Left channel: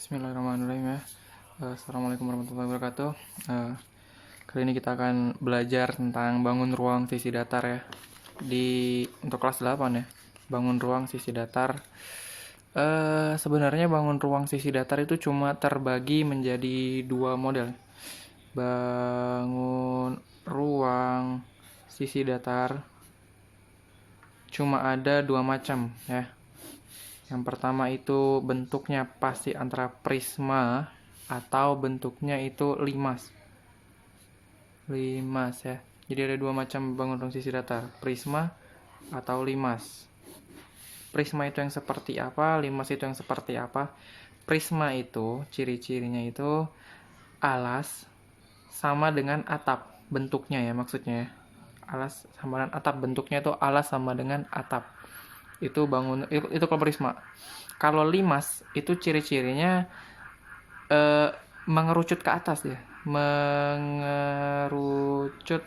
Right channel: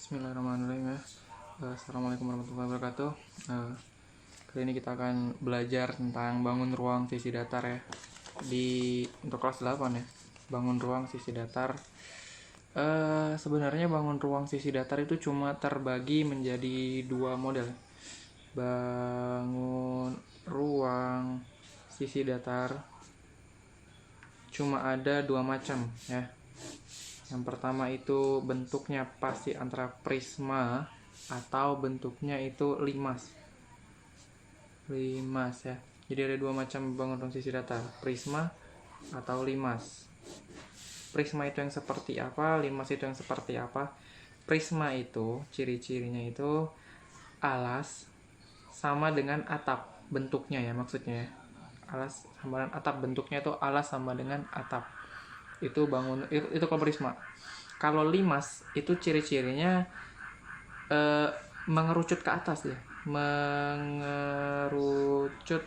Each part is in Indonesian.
Bismillahirrahmanirrahim ya. Assalamualaikum warahmatullahi wabarakatuh. Kali ini kita akan belajar tentang bangun ruang sisi datar ya. Untuk kelas 8 ya. Bangun ruang sisi datar. Sebenarnya bangun ruang sisi datar itu cuma terbagi menjadi dua model. Bangun ruang sisi datar cuma ada dua macam ya. Yang pertama itu bentuknya pasti antara prisma atau bentuknya itu limas. Limas ya. Jadi ada dua macam bangun ruang sisi datar, prisma atau limas. Prisma itu yang seperti apa, limas itu yang seperti apa? Prisma itu ciri-cirinya itu alas sama dengan atap bentuknya ya, maksudnya. Alas sama dengan atap bentuknya itu alas sama dengan atap. Itu kalau prisma. Kalau limas itu ciri-cirinya mengerucut ke atas ya, mengerucut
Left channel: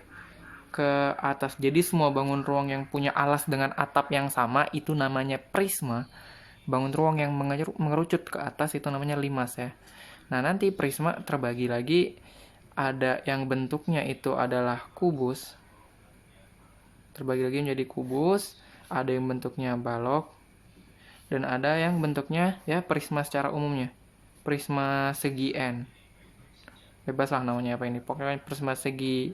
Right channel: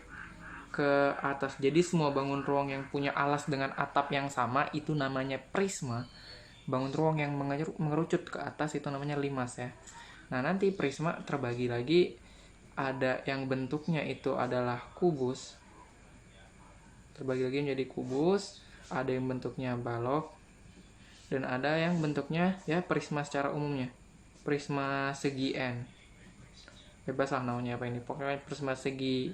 ke atas. Jadi semua bangun ruang yang punya alas dengan atap yang sama itu namanya prisma. Bangun ruang yang mengerucut ke atas itu namanya limas ya. Nah, nanti prisma terbagi lagi, ada yang bentuknya itu adalah kubus. Terbagi lagi menjadi kubus, ada yang bentuknya balok, dan ada yang bentuknya ya prisma secara umumnya. Prisma segi N. Bebas lah namanya apa ini. Pokoknya prisma segi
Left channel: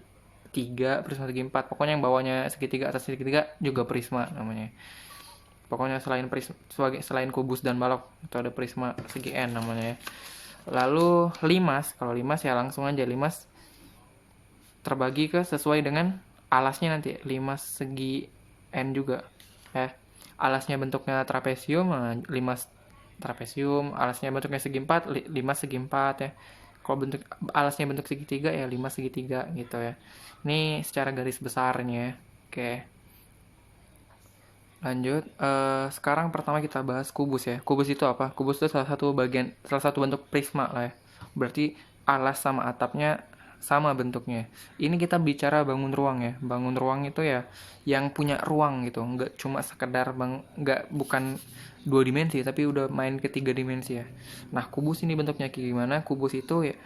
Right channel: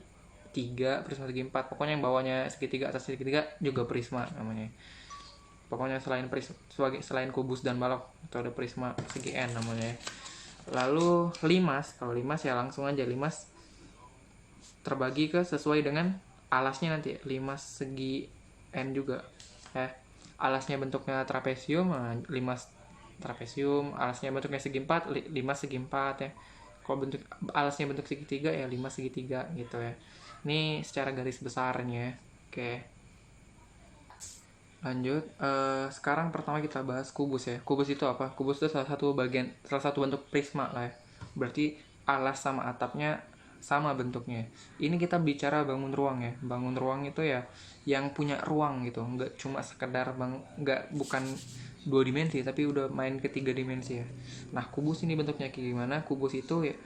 3, prisma segi 4. Pokoknya yang bawahnya segitiga, atas segitiga juga prisma namanya. Pokoknya selain kubus dan balok itu ada prisma segi N namanya ya. Lalu limas, kalau limas ya langsung aja limas terbagi ke sesuai dengan alasnya nanti. Limas segi N juga ya. Alasnya bentuknya trapesium, limas trapesium. Alasnya bentuknya segi 4, limas segi 4 ya. Kalau alasnya bentuk segitiga ya limas segitiga gitu ya. Ini secara garis besarnya. Oke, lanjut. Sekarang pertama kita bahas kubus ya. Kubus itu apa? Kubus itu salah satu bentuk prisma lah ya. Berarti alas sama atapnya sama bentuknya. Ini kita bicara bangun ruang ya. Bangun ruang itu ya yang punya ruang gitu, nggak cuma sekedar bukan 2 dimensi tapi udah main ke 3 dimensi ya. Nah, kubus ini bentuknya kayak gimana? Kubus itu ya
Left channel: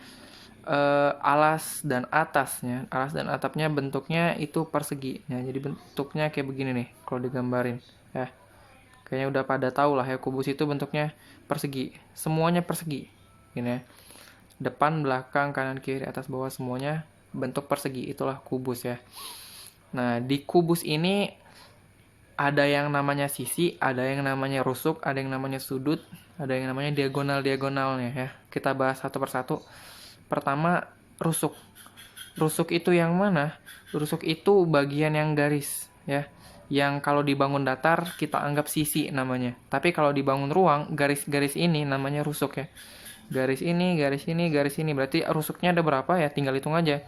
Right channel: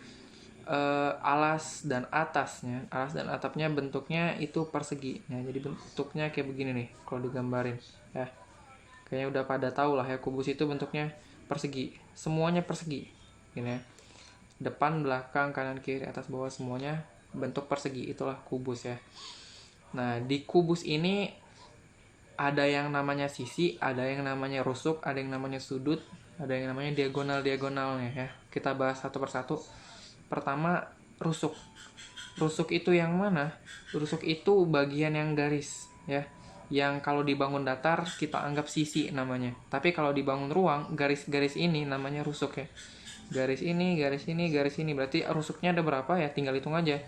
alas dan atapnya bentuknya itu persegi ya. Jadi bentuknya kayak begini nih kalau digambarin ya. Kayaknya udah pada tahu lah ya, kubus itu bentuknya persegi, semuanya persegi gini ya. Depan, belakang, kanan, kiri, atas, bawah semuanya bentuk persegi, itulah kubus ya. Nah, di kubus ini ada yang namanya sisi, ada yang namanya rusuk, ada yang namanya sudut, ada yang namanya diagonalnya ya. Kita bahas satu persatu. Pertama, rusuk. Rusuk itu yang mana? Rusuk itu bagian yang garis ya. Yang kalau dibangun datar kita anggap sisi namanya. Tapi kalau dibangun ruang, garis-garis ini namanya rusuk ya. Garis ini, garis ini, garis ini. Berarti rusuknya ada berapa ya? Tinggal hitung aja.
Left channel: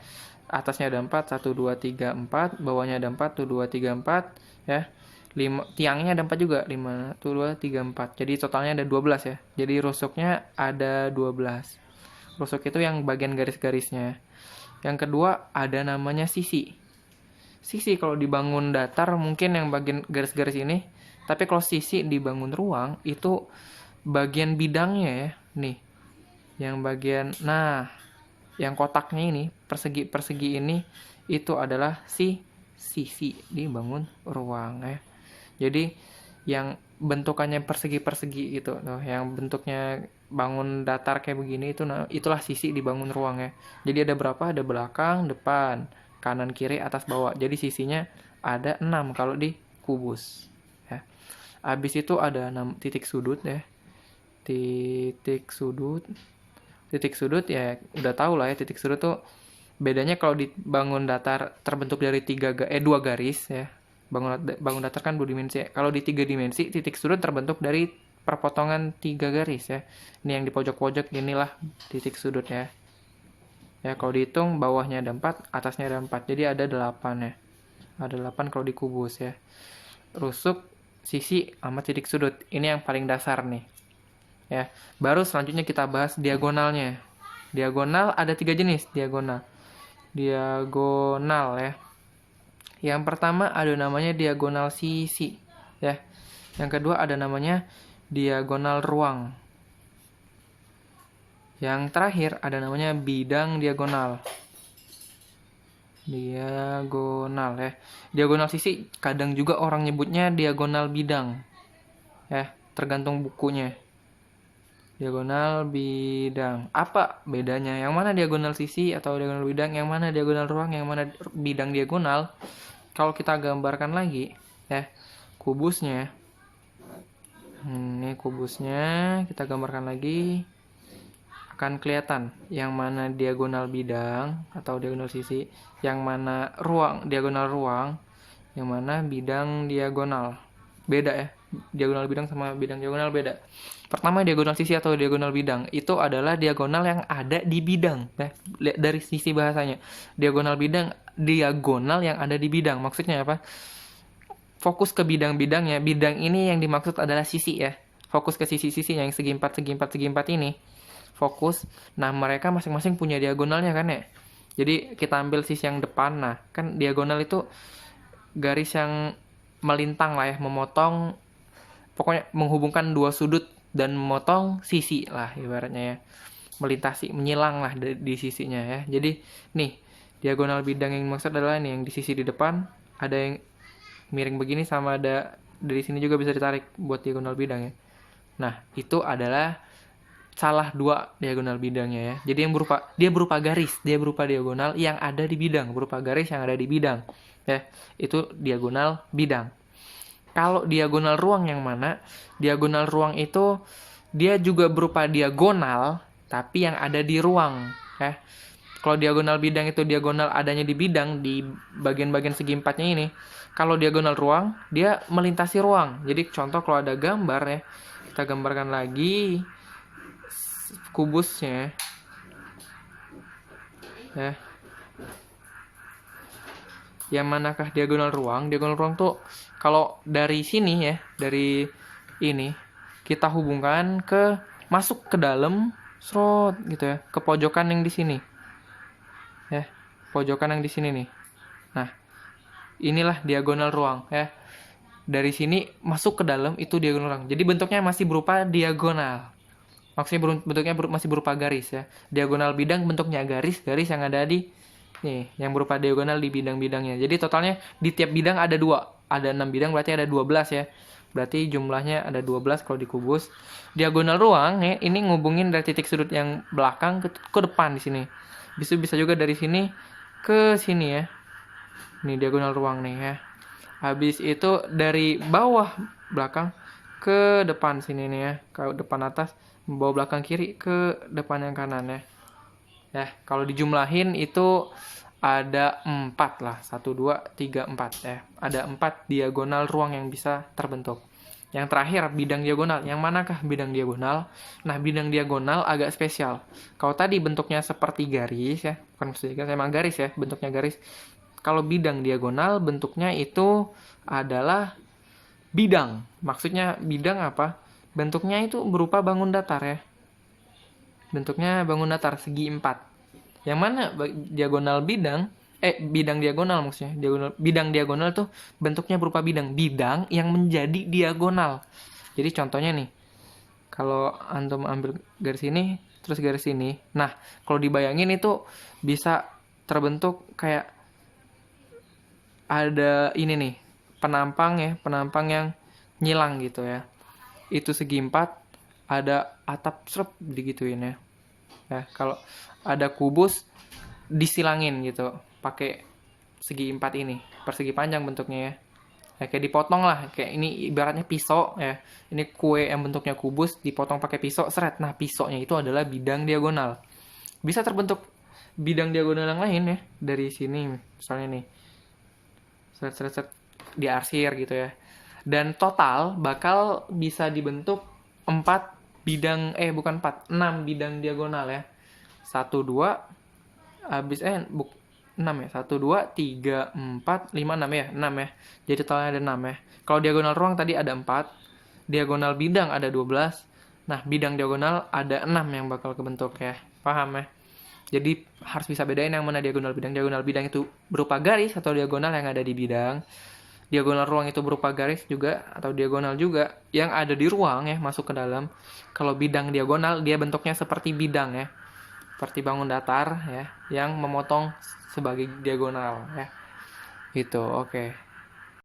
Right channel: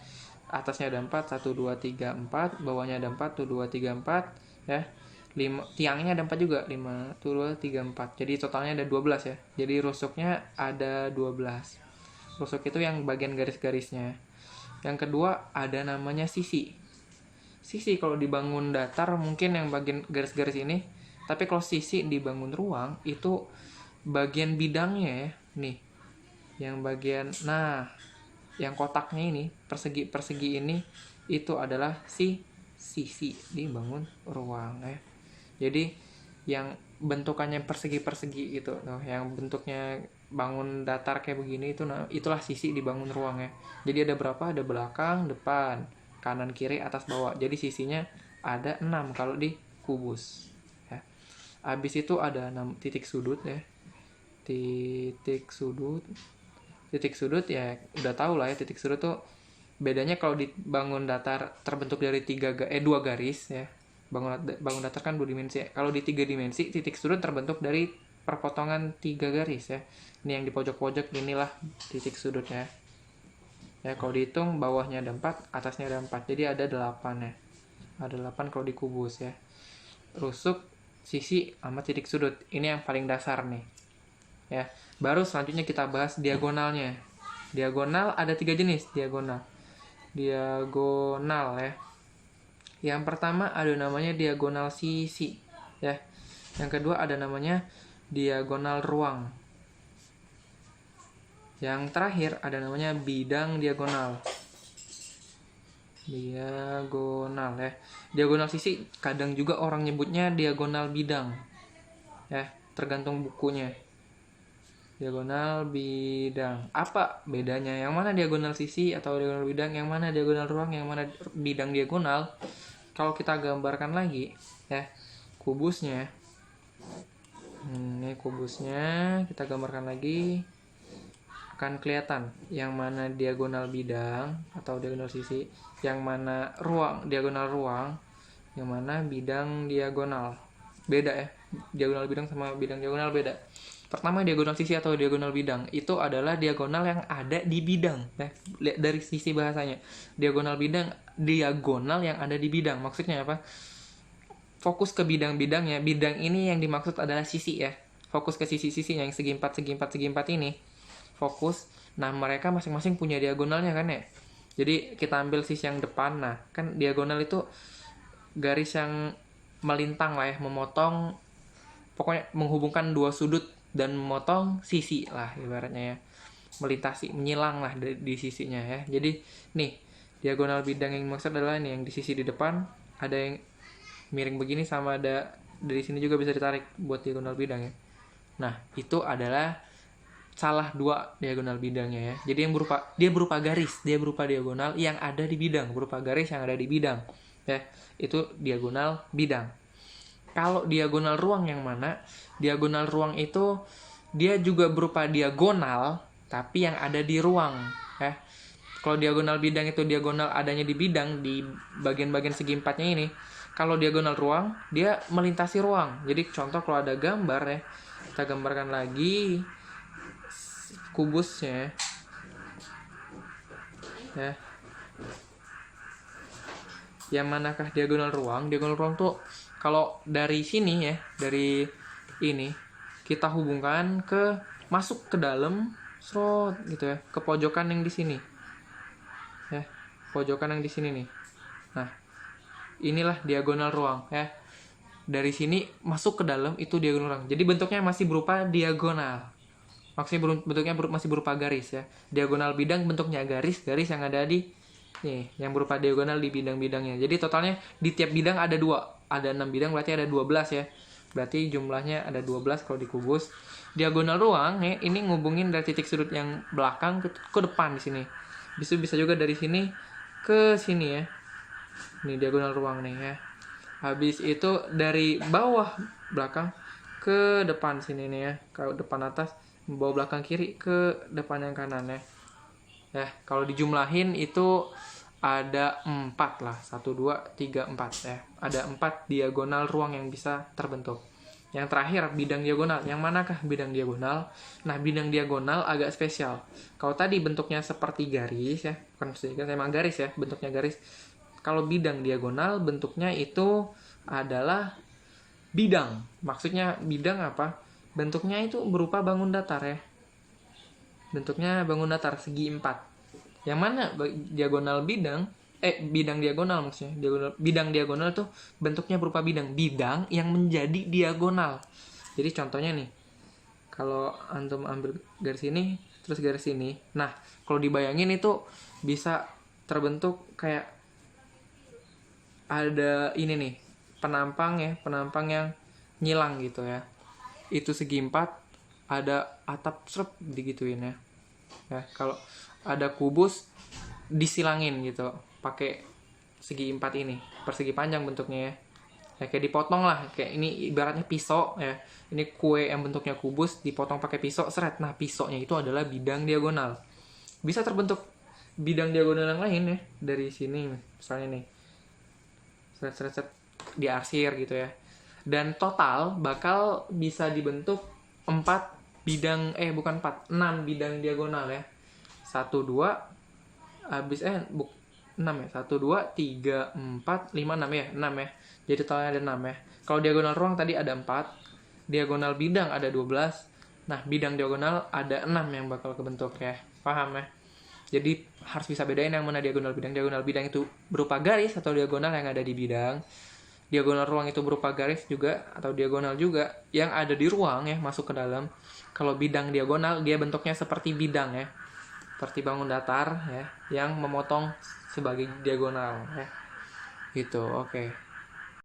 Atasnya ada 4, 1, 2, 3, 4. Bawahnya ada 4, 1, 2, 3, 4 ya. Tiangnya ada 4 juga, 5, 1, 2, 3, 4. Jadi totalnya ada 12 ya. Jadi rusuknya ada 12. Rusuk itu yang bagian garis-garisnya. Yang kedua ada namanya sisi. Sisi kalau dibangun datar mungkin yang bagian garis-garis ini. Tapi kalau sisi dibangun ruang itu bagian bidangnya ya. Nih. Yang bagian, yang kotaknya ini, persegi ini itu adalah sisi dibangun ruang ya. Jadi yang bentukannya persegi gitu, yang bentuknya bangun datar kayak begini itulah sisi dibangun ruang ya. Jadi ada berapa? Ada belakang, depan, kanan, kiri, atas, bawah. Jadi sisinya ada 6 kalau di kubus ya. Habis itu ada 6 titik sudut ya. Titik sudut ya udah tahu lah ya, titik sudut tuh bedanya kalau dibangun datar terbentuk dari 2 garis ya. Bangun datar kan 2 dimensi ya. Kalau di 3 dimensi titik sudut terbentuk dari perpotongan 3 garis ya. Ini yang di pojok-pojok inilah titik sudut ya. Ya kalau dihitung bawahnya ada 4, atasnya ada 4. Jadi ada 8 ya. Ada 8 kalau di kubus ya. Rusuk, sisi sama titik sudut. Ini yang paling dasar nih. Ya, baru selanjutnya kita bahas diagonalnya. Diagonal ada 3 jenis diagonal ya. Yang pertama ada namanya diagonal sisi ya. Yang kedua ada namanya diagonal ruang. Yang terakhir ada namanya bidang diagonal. Diagonal ya. Diagonal sisi kadang juga orang nyebutnya diagonal bidang. Ya, tergantung bukunya. Diagonal bidang. Apa bedanya? Yang mana diagonal sisi atau diagonal bidang? Yang mana diagonal ruang? Yang mana bidang diagonal? Kalau kita gambarkan lagi, ya, kubusnya. Ini kubusnya, kita gambarkan lagi. Akan kelihatan yang mana diagonal bidang atau diagonal sisi, yang mana ruang, diagonal ruang, yang mana bidang diagonal. Beda ya. Diagonal bidang sama bidang diagonal beda. Pertama, diagonal sisi atau diagonal bidang itu adalah diagonal yang ada di bidang ya. Dari sisi bahasanya, diagonal bidang, diagonal yang ada di bidang. Maksudnya apa? Fokus ke bidang-bidangnya. Bidang ini yang dimaksud adalah sisi ya. Fokus ke sisi-sisi yang segi empat ini. Fokus. Nah, mereka masing-masing punya diagonalnya kan ya. Jadi kita ambil sisi yang depan. Nah, kan diagonal itu garis yang melintang lah ya, memotong, pokoknya menghubungkan dua sudut dan memotong sisi lah ibaratnya ya, melintasi, menyilang lah di sisinya ya. Jadi nih, diagonal bidang yang maksud adalah nih yang di sisi di depan ada yang miring begini, sama ada dari sini juga bisa ditarik buat diagonal bidang ya. Nah, itu adalah salah dua diagonal bidangnya ya. Jadi yang dia berupa garis, dia berupa diagonal yang ada di bidang, berupa garis yang ada di bidang ya. Itu diagonal bidang. Kalau diagonal ruang yang mana? Diagonal ruang itu dia juga berupa diagonal tapi yang ada di ruang ya. Kalau diagonal bidang itu diagonal adanya di bidang, di bagian-bagian segi empatnya ini. Kalau diagonal ruang, dia melintasi ruang. Jadi contoh kalau ada gambar ya, kita gambarkan lagi kubusnya ya. Yang manakah diagonal ruang? Diagonal ruang tuh kalau dari sini ya, dari ini kita hubungkan ke, masuk ke dalam slot gitu ya, ke pojokan yang di sini ya, pojokan yang di sini nih. Nah, inilah diagonal ruang ya. Dari sini masuk ke dalam itu diagonal ruang. Jadi bentuknya masih berupa diagonal. Maksudnya bentuknya masih berupa garis ya. Diagonal bidang bentuknya garis-garis yang ada di nih, yang berupa diagonal di bidang-bidangnya. Jadi totalnya di tiap bidang ada 2. Ada 6 bidang, berarti ada 12 ya. Berarti jumlahnya ada 12 kalau dikubus. Diagonal ruang ya, ini ngubungin dari titik sudut yang belakang ke depan di sini. Bisa juga dari sini ke sini ya. Ini diagonal ruang nih ya. Habis itu dari bawah belakang ke depan sini nih ya. Kalau depan atas, bawah belakang kiri ke depan yang kanan ya. Ya, kalau dijumlahin itu ada 4 lah. 1, 2, 3, 4 ya. Ada 4 diagonal ruang yang bisa terbentuk. Yang terakhir, bidang diagonal. Yang manakah bidang diagonal? Nah, bidang diagonal agak spesial. Kalau tadi bentuknya seperti garis ya, bukan seperti garis, emang garis ya, bentuknya garis. Kalau bidang diagonal bentuknya itu adalah bidang. Maksudnya bidang apa? Bentuknya itu berupa bangun datar ya. Bentuknya bangun datar segi 4. Yang mana diagonal bidang, bidang diagonal maksudnya. Bidang diagonal tuh bentuknya berupa bidang yang menjadi diagonal. Jadi contohnya nih, kalau antum ambil garis ini terus garis ini. Nah, kalau dibayangin itu bisa terbentuk kayak ada ini nih, penampang yang nyilang gitu ya. Itu segi 4, ada atap serep digituin ya. Ya, kalau ada kubus disilangin gitu pakai segi 4 ini, persegi panjang bentuknya ya. Ya, kayak dipotong lah, kayak ini ibaratnya pisau ya. Ini kue yang bentuknya kubus dipotong pakai pisau, seret. Nah, pisaunya itu adalah bidang diagonal. Bisa terbentuk bidang diagonal yang lain ya, dari sini misalnya nih. Seret diarsir gitu ya. Dan total bakal bisa dibentuk 4 bidang, 6 bidang diagonal ya. 1, 2 habis 6 ya. 1, 2, 3, 4, 5, 6 ya. 6 ya. Jadi totalnya ada 6 ya. Kalau diagonal ruang tadi ada 4, diagonal bidang ada 12. Nah, bidang diagonal ada 6 yang bakal kebentuk ya. Paham ya? Jadi harus bisa bedain yang mana diagonal bidang. Diagonal bidang itu berupa garis atau diagonal yang ada di bidang. diagonal ruang itu berupa garis juga atau diagonal juga yang ada di ruang ya masuk ke dalam. Kalau bidang diagonal dia bentuknya seperti bidang ya, seperti bangun datar ya yang memotong sebagai diagonal ya. Gitu, oke.